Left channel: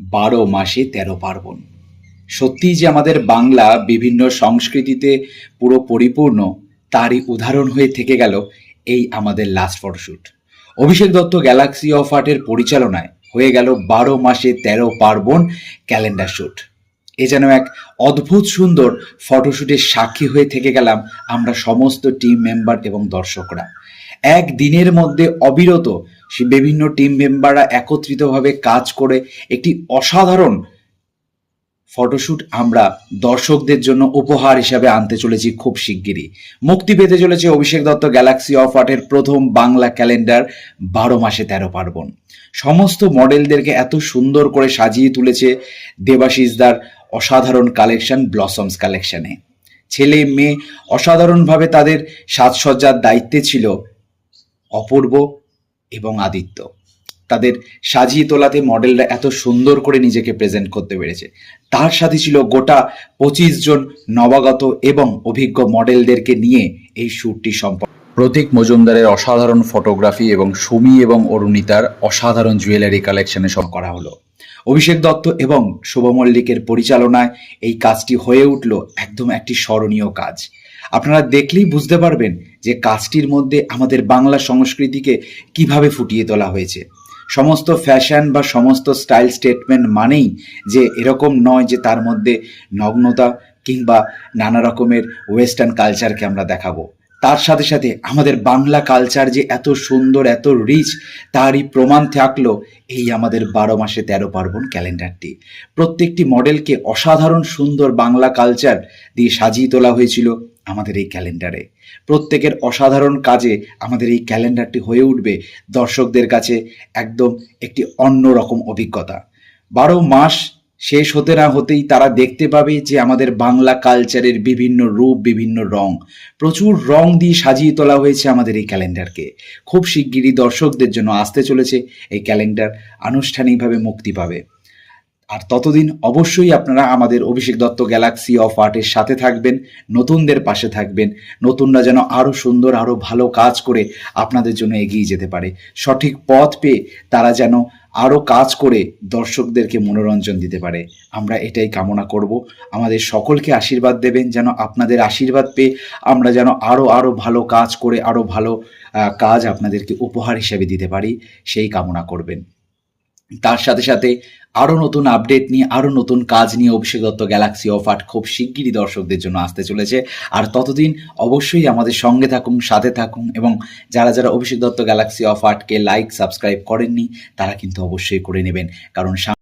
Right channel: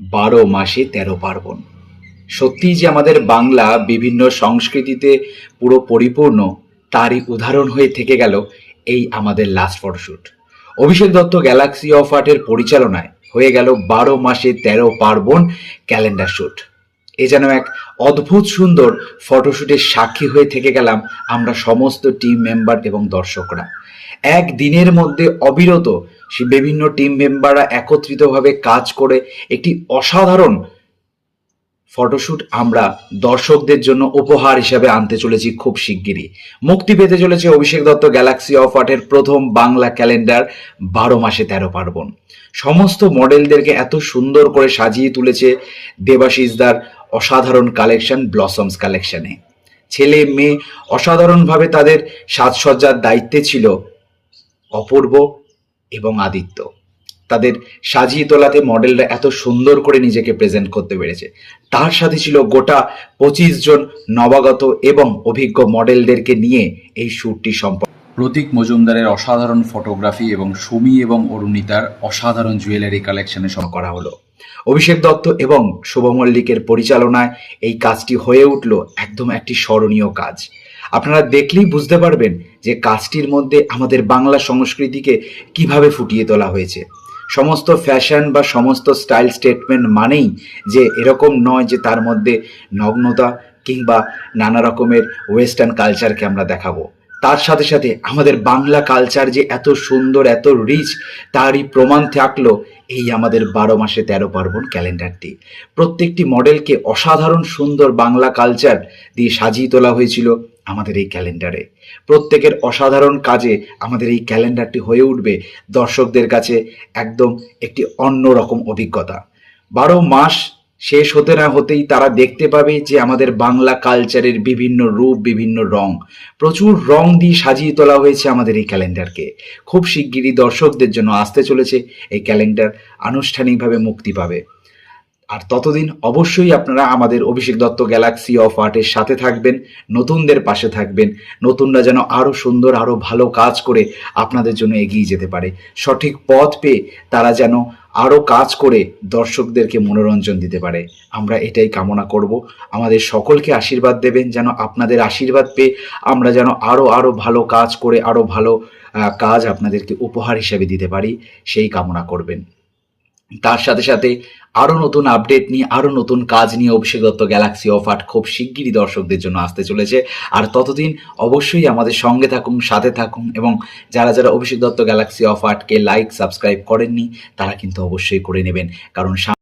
বারো মাসে তেরো পার্বণ। সত্যিই যে আমাদের বাংলা বিভিন্ন সংস্কৃতিতে পুরো পরিপূর্ণ, তারই উদাহরণ হয়ে থেকে গেল এই আমাদের last photoshoot. Abhishek Dutta galaxy of আর্টের পরিচালনায় হয়ে গেল ১২ মাসে ১৩ পার্বণ ক্যালেন্ডার শ্যুট। এ যেন এক অদ্ভুত সুন্দর ফটোশ্যুটের সাক্ষী হয়ে থেকে গেলাম আমরা সমস্ত টিম মেম্বার এবং দর্শকরা। এক দিনের মধ্যে অবিরত সে বিভিন্ন টিম মেম্বাররা একত্রিতভাবে কাজ করে একটি অসাধারণ ফটোশ্যুট আমরা দর্শকদের জন্য উপহার হিসাবে আনতে চলেছি খুব শিগগিরই। মুক্তি পেতে চলেছে অভিষেক দত্ত গ্যালাক্সি অফ আর্টের প্রথম বাংলা ক্যালেন্ডার ১২ মাসে ১৩ পার্বণ। সমস্ত মডেলদেরকে এত সুন্দর করে সাজিয়ে তুলেছে দেবাশিসদার অসাধারণ কালেকশন ব্লসমস কালেকশনে। ছেলে মেয়ে অসাধারণভাবে তাদের সাজসজ্জার দায়িত্বে ছিল অপূর্ব এবং আদিত্য। তাদের সাজিয়ে তোলাতে মডেলরা এত সুন্দর করে নিজেকে প্রেজেন্ট করতে পেরেছে। তার সাথে ছিল গোটা ২৫ জন নবাগত এবং অভিজ্ঞ মডেলদেরকে নিয়ে এই শ্যুটটি সম্পন্ন। প্রতীক মজুমদারের অসাধারণ ফটোগ্রাফি এবং সুমি এবং অরুণিতার অসাধারণ জুয়েলারি কালেকশনে সব করা হলো। অভিষেক দত্ত এবং শুভ মল্লিকের পরিচালনায় এই কাজটি হয়ে উঠল একদম একটি স্মরণীয় কাজ। আপনারা দেখলেই বুঝতে পারবেন যে কাজটির মধ্যে আমাদের বাংলা সংস্কৃতিকে কিভাবে ফুটিয়ে তোলা হয়েছে। সমস্ত ফ্যাশন বা সমস্ত স্টাইল স্টেটমেন্ট মানেই যে এরকম নয় যে তার মধ্যে নগ্নতা কিংবা নানা রকমের ওয়েস্টার্ন কালচারকে আমরা দেখাবো। তার সাথে সাথে আমাদের বাংলা কালচার যে এত সুন্দর, এত রিচ, তারই প্রমাণ থাকলো এই আমাদের ১২ মাসে ১৩ পার্বণ ক্যালেন্ডারটি। প্রত্যেকটি মডেলকে অসাধারণ সুন্দর বাংলা কালচার দিয়ে সাজিয়ে তোলা হয়েছিল আমাদের এই ক্যালেন্ডারে। প্রত্যেকের অসাধারণ কাজে আমাদের এই ক্যালেন্ডারটি হয়ে উঠবে দর্শকদের কাছে একদম একটি অন্যরকম অভিজ্ঞতা। ১২ মাস শেষ হতে না হতেই তারা দেখতে পাবে যে আমাদের বাংলা কালচারের বিভিন্ন রূপ, বিভিন্ন রং, প্রচুর রং দিয়ে সাজিয়ে তোলা হয়েছে আমাদের এই ক্যালেন্ডারকে। খুব শিগগিরই দর্শকদের জন্য আসতে চলেছে এই ক্যালেন্ডার, আনুষ্ঠানিকভাবে মুক্তি পাবে। আর ততদিন অবশ্যই আপনারা আমাদের অভিষেক দত্ত গ্যালাক্সি অফ আর্টের সাথে থাকবেন, নতুনদের পাশে থাকবেন। নতুনরা যেন আরও সুন্দর, আরও ভালো কাজ করে আপনাদের জন্য এগিয়ে যেতে পারে। সঠিক পথ পেয়ে তারা যেন আরও কাজ করে দর্শকদেরকে মনোরঞ্জন দিতে পারে। আমরা এটাই কামনা করব। আমাদের সকলকে আশীর্বাদ দেবেন যেন আপনাদের আশীর্বাদ পেয়ে আমরা যেন আরও ভালো কাজ করে আরও ভালো কাজ আপনাদেরকে উপহার হিসেবে দিতে পারি, সেই কামনা করবেন। তার সাথে সাথে আরও নতুন আপডেট নিয়ে, আরও নতুন কাজ নিয়ে অভিষেক দত্ত গ্যালাক্সি অফ আর্ট খুব শিগগিরই দর্শকদের জন্য আসতে চলেছে। আর ততদিন অবশ্যই আমাদের সঙ্গে থাকুন, সাথে থাকুন, এবং যারা যারা অভিষেক দত্ত গ্যালাক্সি অফ আর্টকে লাইক সাবস্ক্রাইব করেননি তারা কিন্তু অবশ্যই করে নেবেন, কারণ